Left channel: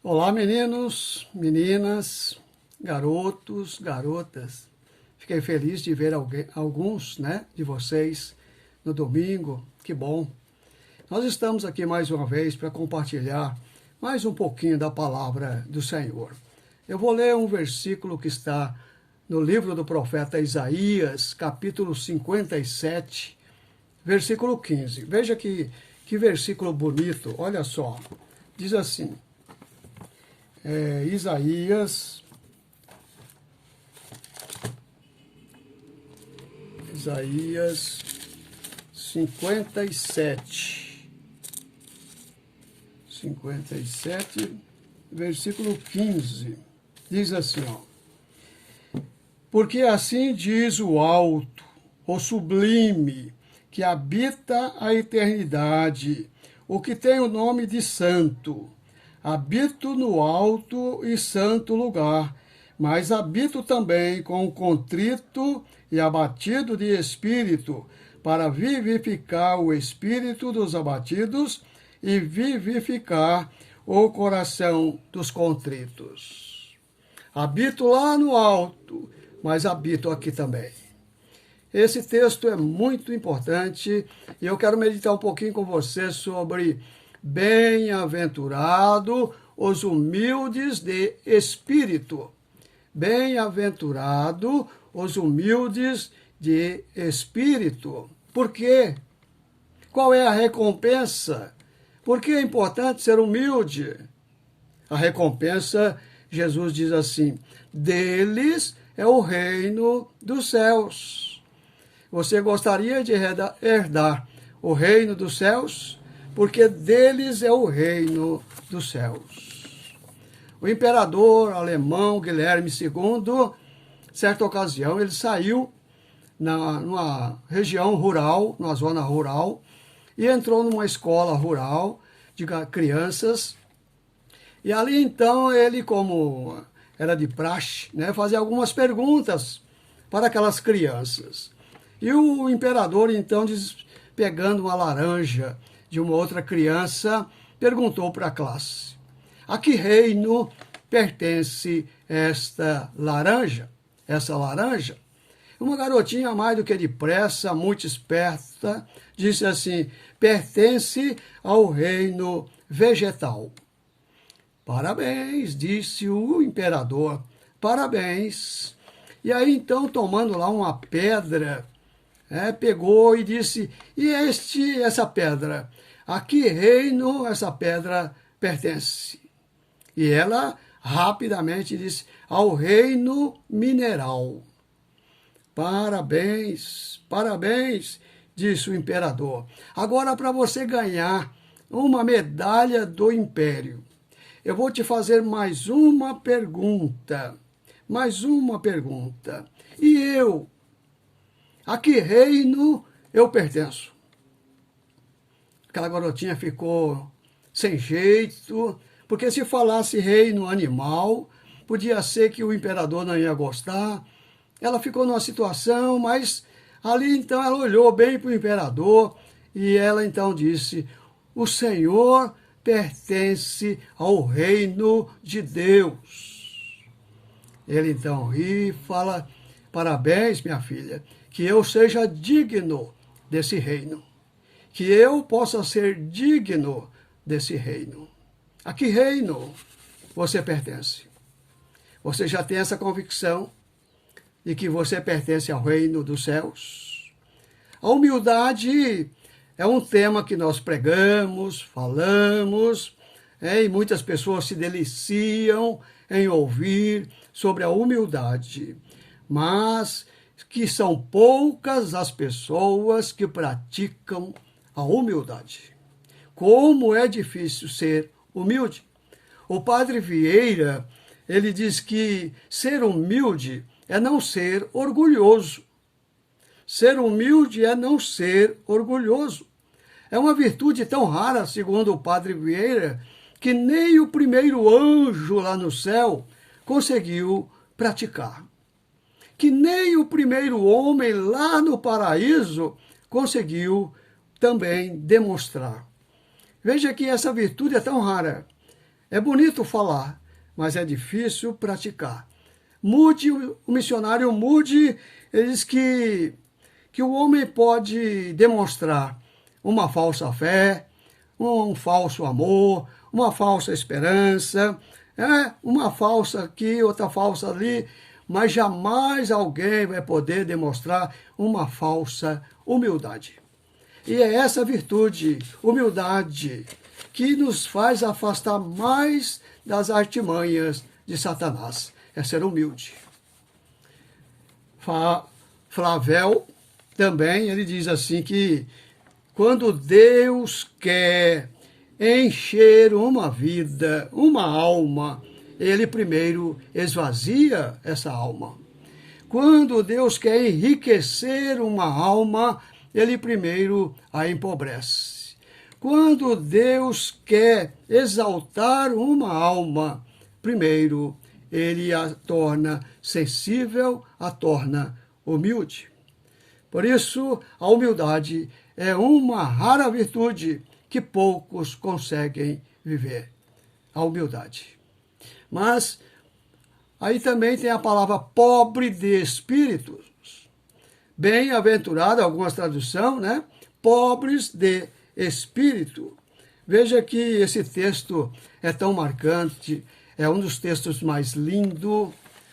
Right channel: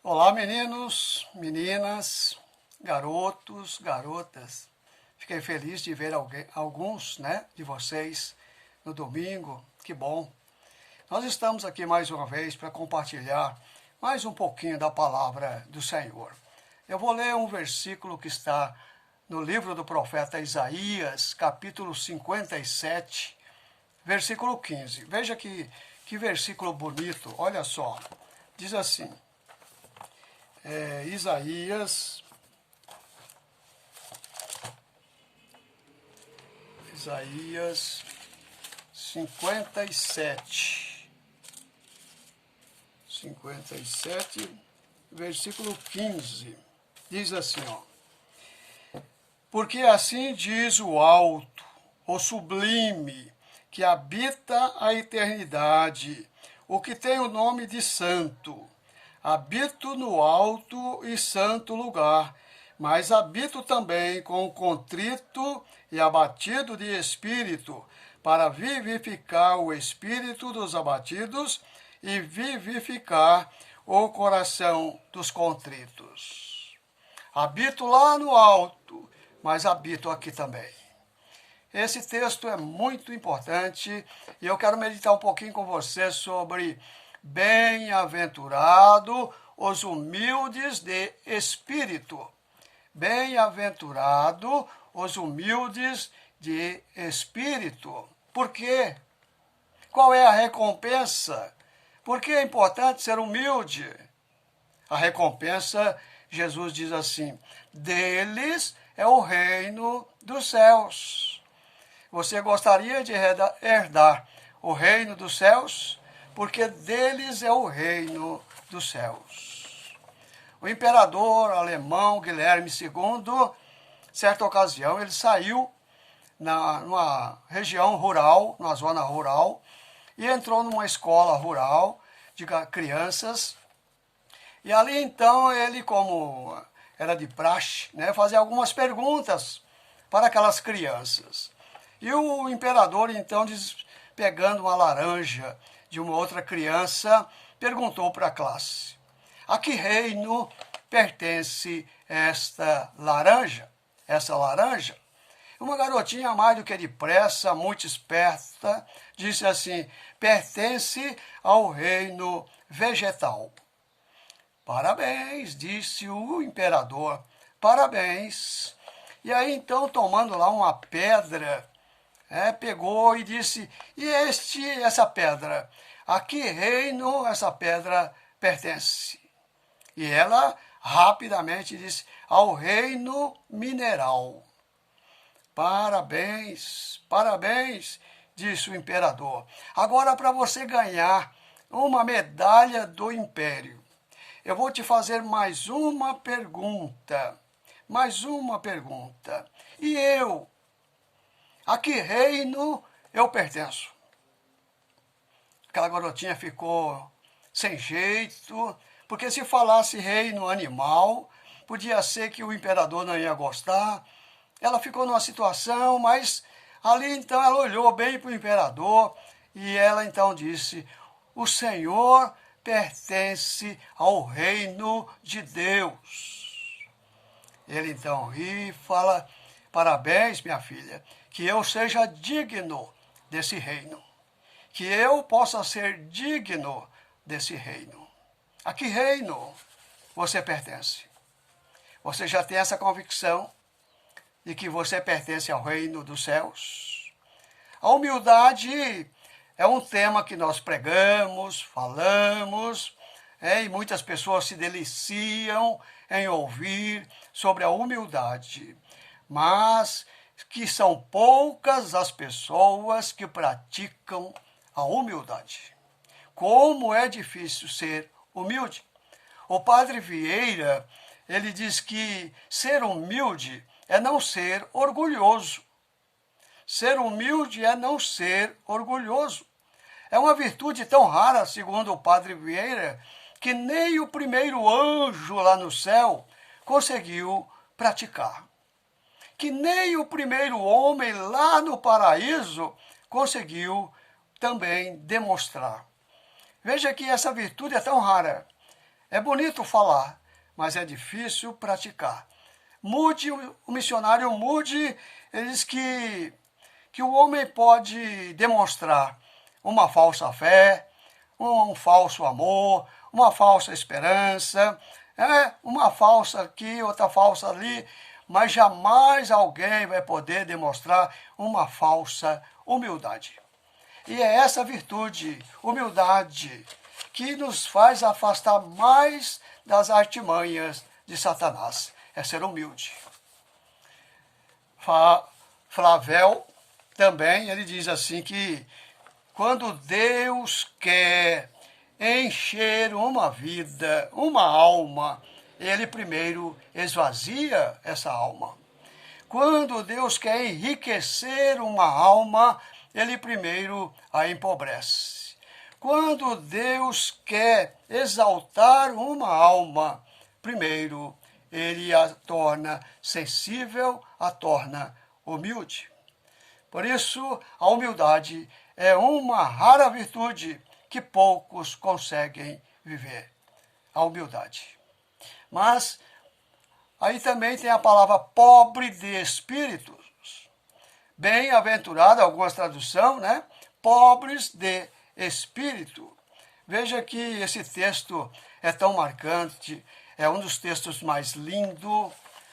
Olá, meninos, meninas, garotos, garotas. Fiquei feliz de ver alguns, de vocês no domingo. Que bom. Nós estamos aqui mais uma vez para compartilhar mais um pouquinho da palavra do Senhor. Eu vou ler um versículo que está no livro do profeta Isaías, capítulo 57, versículo 15. Veja que versículo bonito, olha só. Diz assim, Isaías 57, versículo 15, diz assim, porque assim diz o alto, o sublime, que habita a eternidade, o que tem o nome de santo. Habito no alto e santo lugar, mas habito também com o contrito e abatido de espírito, para vivificar o espírito dos abatidos e vivificar o coração dos contritos. Habito lá no alto, mas habito aqui também. Esse texto é muito importante e eu quero meditar um pouquinho com você sobre bem-aventurado os humildes de espírito. Bem-aventurado os humildes de espírito. Por quê? Qual é a recompensa? Por que é importante ser humilde? A recompensa, Jesus diz assim, deles é o reino dos céus. Você gostaria de herdar o reino dos céus? Porque deles é o reino dos céus. O imperador alemão Guilherme II, certa ocasião, ele saiu numa região rural, numa zona rural, e entrou numa escola rural de crianças. E ali, então, ele, como era de praxe, fazia algumas perguntas para aquelas crianças. E o imperador, então, pegando uma laranja de uma outra criança, perguntou para a classe, a que reino pertence esta laranja? Essa laranja? Uma garotinha mais do que depressa, muito esperta, disse assim, pertence ao reino vegetal. Parabéns, disse o imperador, parabéns. E aí, então, tomando lá uma pedra, pegou e disse, e essa pedra? A que reino essa pedra pertence? E ela rapidamente disse, ao reino mineral. Parabéns, parabéns, disse o imperador. Agora, para você ganhar uma medalha do império, eu vou te fazer mais uma pergunta. Mais uma pergunta. E eu? A que reino eu pertenço? Aquela garotinha ficou sem jeito, porque se falasse reino animal, podia ser que o imperador não ia gostar. Ela ficou numa situação, mas ali então ela olhou bem para o imperador e ela então disse, o Senhor pertence ao reino de Deus. Ele então ri e fala, parabéns, minha filha, que eu seja digno desse reino, que eu possa ser digno desse reino. A que reino você pertence? Você já tem essa convicção de que você pertence ao reino dos céus? A humildade é um tema que nós pregamos, falamos, e muitas pessoas se deliciam em ouvir sobre a humildade, mas que são poucas as pessoas que praticam a humildade. Como é difícil ser humilde. O padre Vieira, ele diz que ser humilde é não ser orgulhoso. Ser humilde é não ser orgulhoso. É uma virtude tão rara, segundo o padre Vieira, que nem o primeiro anjo lá no céu conseguiu praticar. Que nem o primeiro homem lá no paraíso conseguiu também demonstrar. Veja que essa virtude é tão rara. É bonito falar, mas é difícil praticar. Moody, o missionário Moody, ele diz que o homem pode demonstrar uma falsa fé, um falso amor, uma falsa esperança, uma falsa aqui, outra falsa ali, mas jamais alguém vai poder demonstrar uma falsa humildade. E é essa virtude, humildade, que nos faz afastar mais das artimanhas de Satanás. É ser humilde. Flavel também, ele diz assim que quando Deus quer encher uma vida, uma alma, ele primeiro esvazia essa alma. Quando Deus quer enriquecer uma alma, ele primeiro a empobrece. Quando Deus quer exaltar uma alma, primeiro ele a torna sensível, a torna humilde. Por isso, a humildade é uma rara virtude que poucos conseguem viver. A humildade. Mas aí também tem a palavra pobre de espíritos. Bem-aventurado, algumas traduções, né? Pobres de espírito. Veja que esse texto é tão marcante, é um dos textos mais lindos,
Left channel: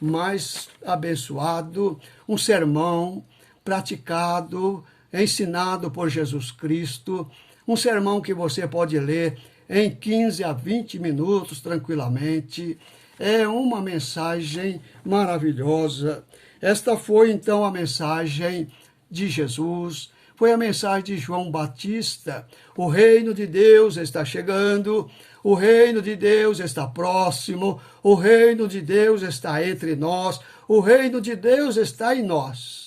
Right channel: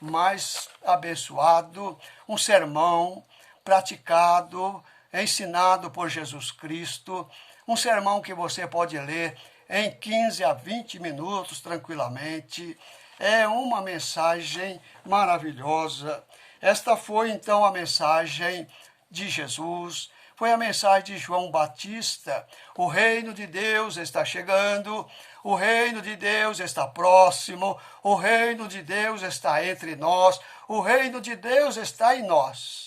mais abençoado, um sermão praticado, ensinado por Jesus Cristo, um sermão que você pode ler em 15 a 20 minutos tranquilamente. É uma mensagem maravilhosa. Esta foi então a mensagem de Jesus, foi a mensagem de João Batista. O reino de Deus está chegando, o reino de Deus está próximo, o reino de Deus está entre nós, o reino de Deus está em nós.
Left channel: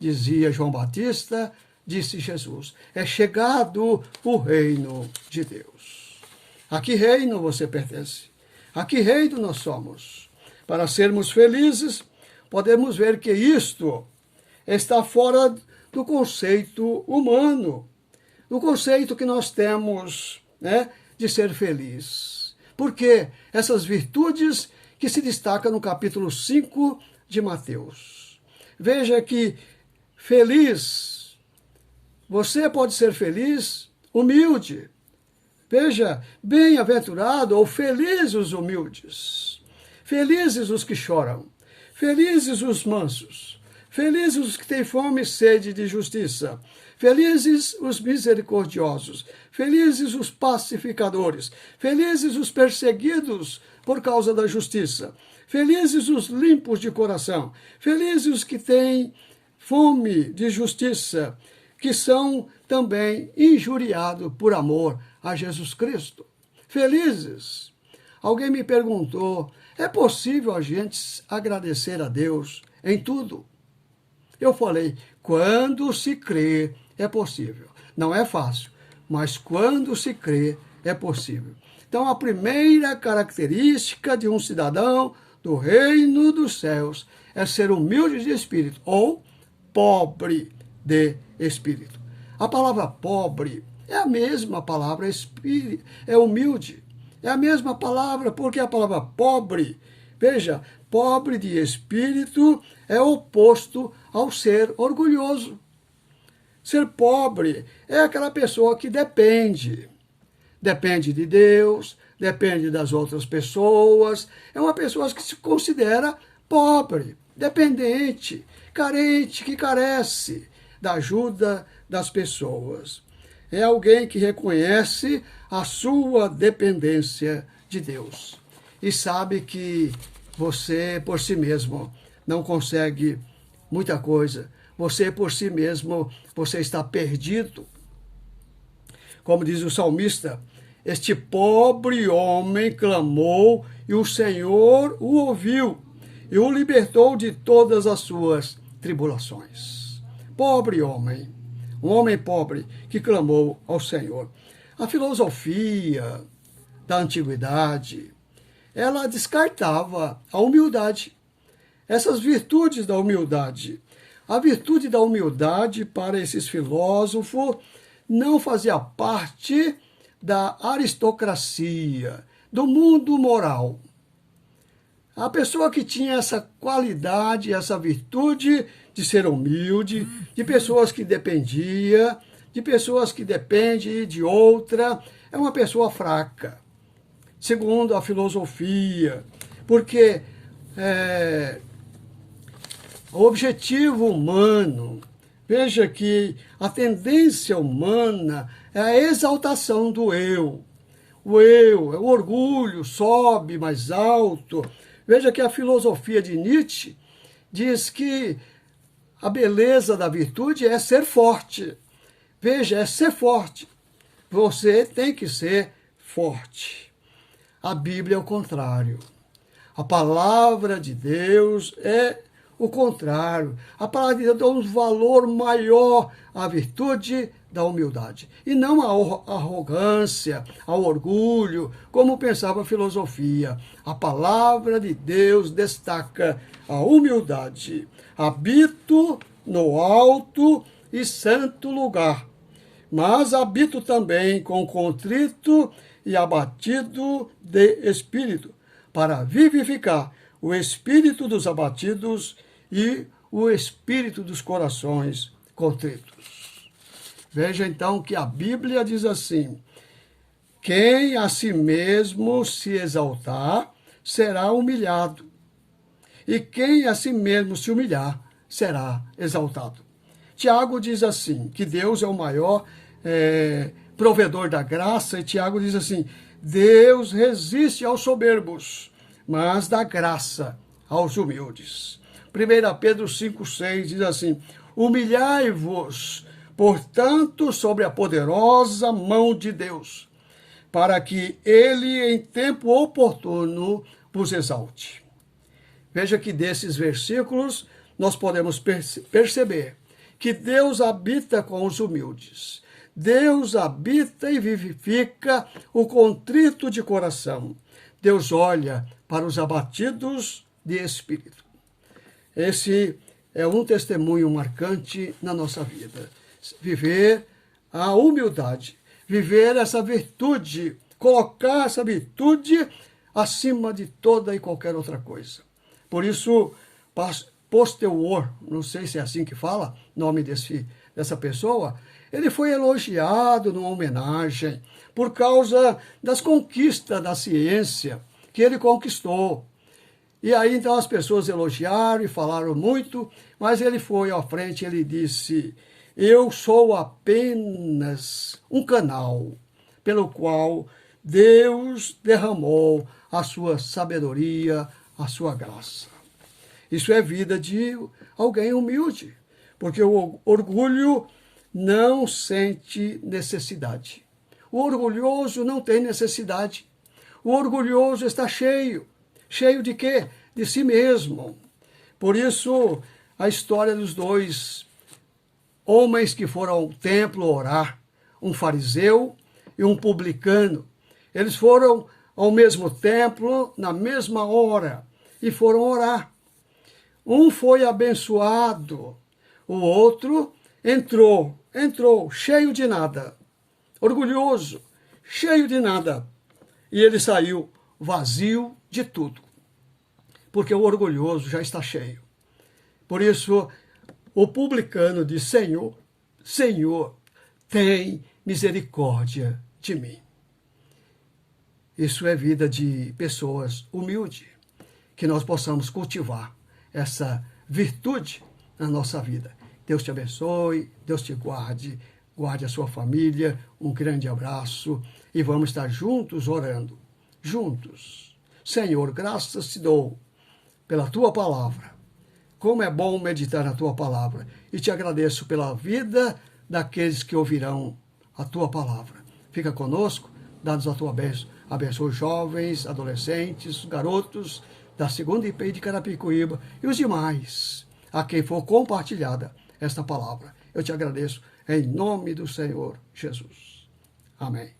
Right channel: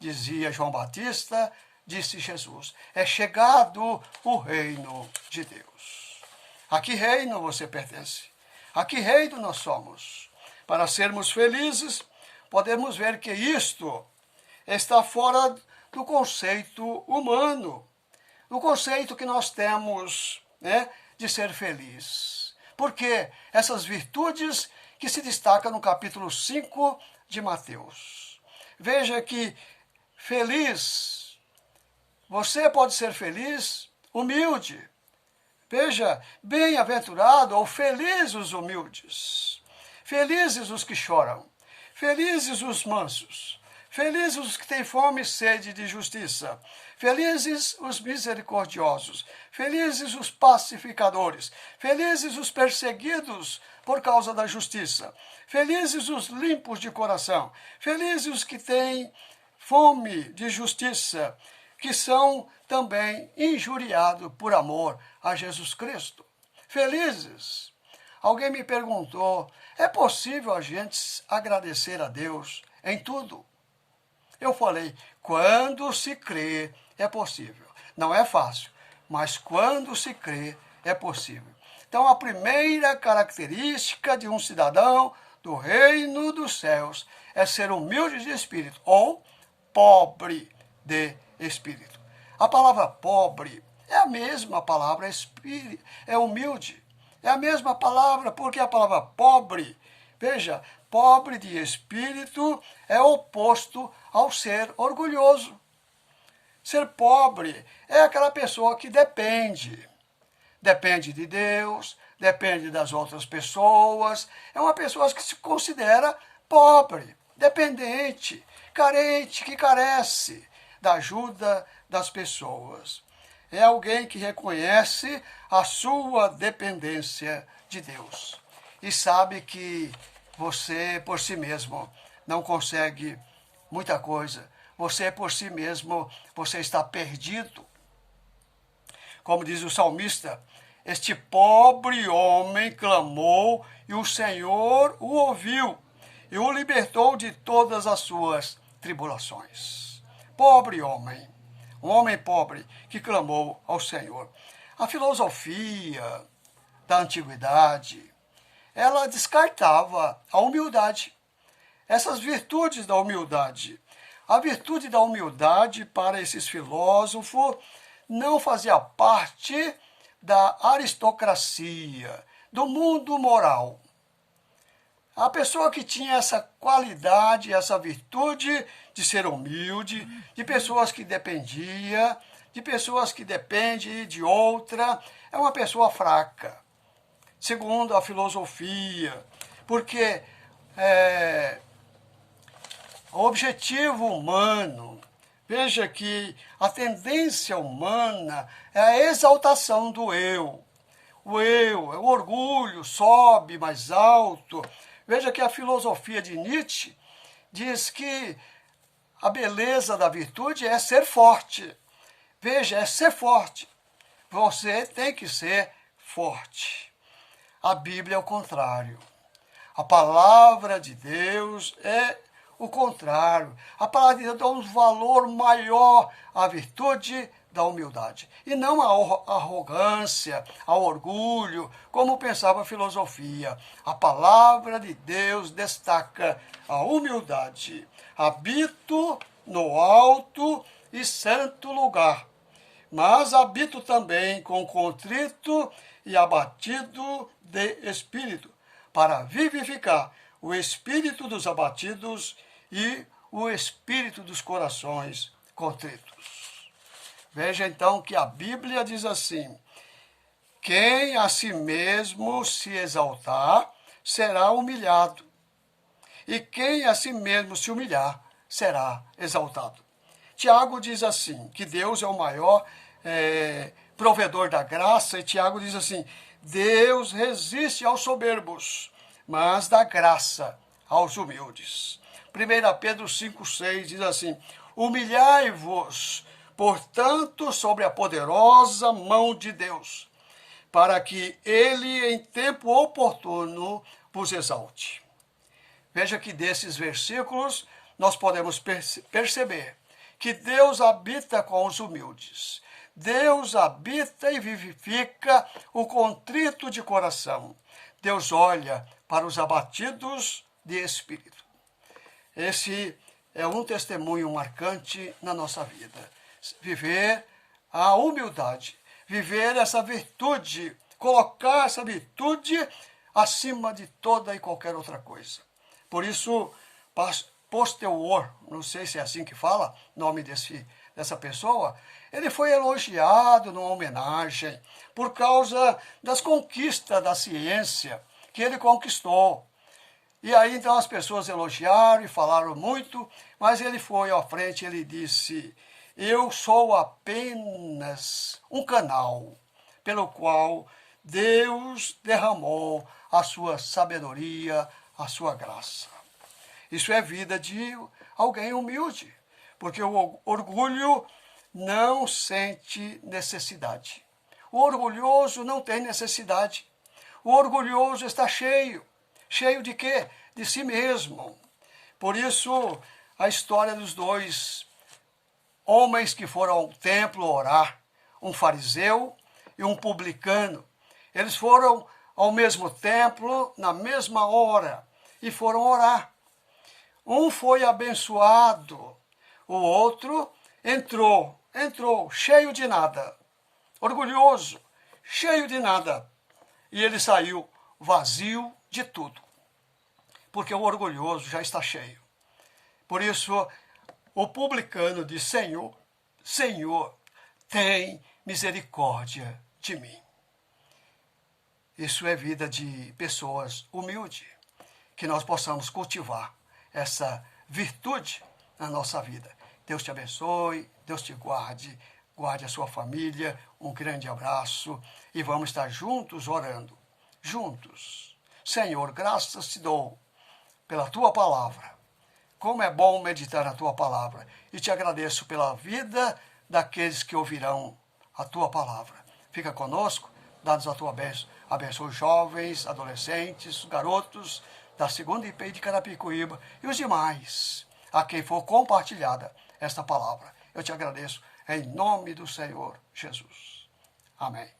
Dizia João Batista, disse Jesus, é chegado o reino de Deus. A que reino você pertence? A que reino nós somos? Para sermos felizes, podemos ver que isto está fora do conceito humano, do conceito que nós temos, né, de ser feliz. Porque essas virtudes que se destacam no capítulo 5 de Mateus. Veja que feliz, você pode ser feliz, humilde. Veja, bem-aventurado ou felizes os humildes, felizes os que choram, felizes os mansos, felizes os que têm fome e sede de justiça, felizes os misericordiosos, felizes os pacificadores, felizes os perseguidos por causa da justiça, felizes os limpos de coração, felizes os que têm fome de justiça, que são também injuriados por amor a Jesus Cristo. Felizes. Alguém me perguntou, é possível a gente agradecer a Deus em tudo? Eu falei, quando se crê, é possível. Não é fácil, mas quando se crê, é possível. Então, a primeira característica de um cidadão do reino dos céus é ser humilde de espírito, ou pobre de espírito. A palavra pobre é a mesma palavra espírito, é humilde. É a mesma palavra, porque a palavra pobre, veja, pobre de espírito é oposto ao ser orgulhoso. Ser pobre é aquela pessoa que depende. Depende de Deus, depende das outras pessoas. É uma pessoa que se considera pobre, dependente, carente, que carece da ajuda das pessoas. É alguém que reconhece a sua dependência de Deus e sabe que você, por si mesmo, não consegue muita coisa. Você, por si mesmo, você está perdido. Como diz o salmista, este pobre homem clamou e o Senhor o ouviu e o libertou de todas as suas tribulações. Pobre homem, um homem pobre que clamou ao Senhor. A filosofia da antiguidade, ela descartava a humildade, essas virtudes da humildade. A virtude da humildade para esses filósofos não fazia parte da aristocracia, do mundo moral. A pessoa que tinha essa qualidade, essa virtude de ser humilde, de pessoas que dependia, de pessoas que dependem de outra, é uma pessoa fraca, segundo a filosofia, porque o objetivo humano, veja que a tendência humana é a exaltação do eu. O orgulho sobe mais alto. Veja que a filosofia de Nietzsche diz que a beleza da virtude é ser forte. Veja, é ser forte. Você tem que ser forte. A Bíblia é o contrário. A palavra de Deus é o contrário. A palavra de Deus dá um valor maior à virtude da humildade. E não à arrogância, ao orgulho, como pensava a filosofia. A palavra de Deus destaca a humildade. Habito no alto e santo lugar, mas habito também com contrito e abatido de espírito, para vivificar o espírito dos abatidos e o espírito dos corações contritos. Veja então que a Bíblia diz assim: quem a si mesmo se exaltar será humilhado, e quem a si mesmo se humilhar será exaltado. Tiago diz assim, que Deus é o maior provedor da graça, e Tiago diz assim: Deus resiste aos soberbos, mas dá graça aos humildes. 1 Pedro 5,6 diz assim: humilhai-vos, portanto, sobre a poderosa mão de Deus, para que ele, em tempo oportuno, vos exalte. Veja que desses versículos nós podemos perceber que Deus habita com os humildes. Deus habita e vivifica o contrito de coração. Deus olha para os abatidos de espírito. Esse é um testemunho marcante na nossa vida. Viver a humildade, viver essa virtude, colocar essa virtude acima de toda e qualquer outra coisa. Por isso, Posterior, não sei se é assim que fala, nome dessa pessoa, ele foi elogiado numa homenagem por causa das conquistas da ciência que ele conquistou. E aí então as pessoas elogiaram e falaram muito, mas ele foi à frente e ele disse: eu sou apenas um canal pelo qual Deus derramou a sua sabedoria, a sua graça. Isso é vida de alguém humilde, porque o orgulho não sente necessidade. O orgulhoso não tem necessidade. O orgulhoso está cheio. Cheio de quê? De si mesmo. Por isso, a história dos dois homens que foram ao templo orar, um fariseu e um publicano. Eles foram ao mesmo templo, na mesma hora, e foram orar. Um foi abençoado, o outro entrou cheio de nada, orgulhoso, cheio de nada. E ele saiu vazio de tudo, porque o orgulhoso já está cheio. Por isso, o publicano diz: Senhor, Senhor, tem misericórdia de mim. Isso é vida de pessoas humildes, que nós possamos cultivar essa virtude na nossa vida. Deus te abençoe, Deus te guarde, guarde a sua família, um grande abraço e vamos estar juntos orando, juntos. Senhor, graças te dou pela tua palavra. Como é bom meditar na tua palavra e te agradeço pela vida daqueles que ouvirão a tua palavra. Fica conosco, dá-nos a tua bênção. Abençoe os jovens, adolescentes, garotos da segunda IP de Carapicuíba e os demais, a quem for compartilhada esta palavra. Eu te agradeço em nome do Senhor Jesus. Amém.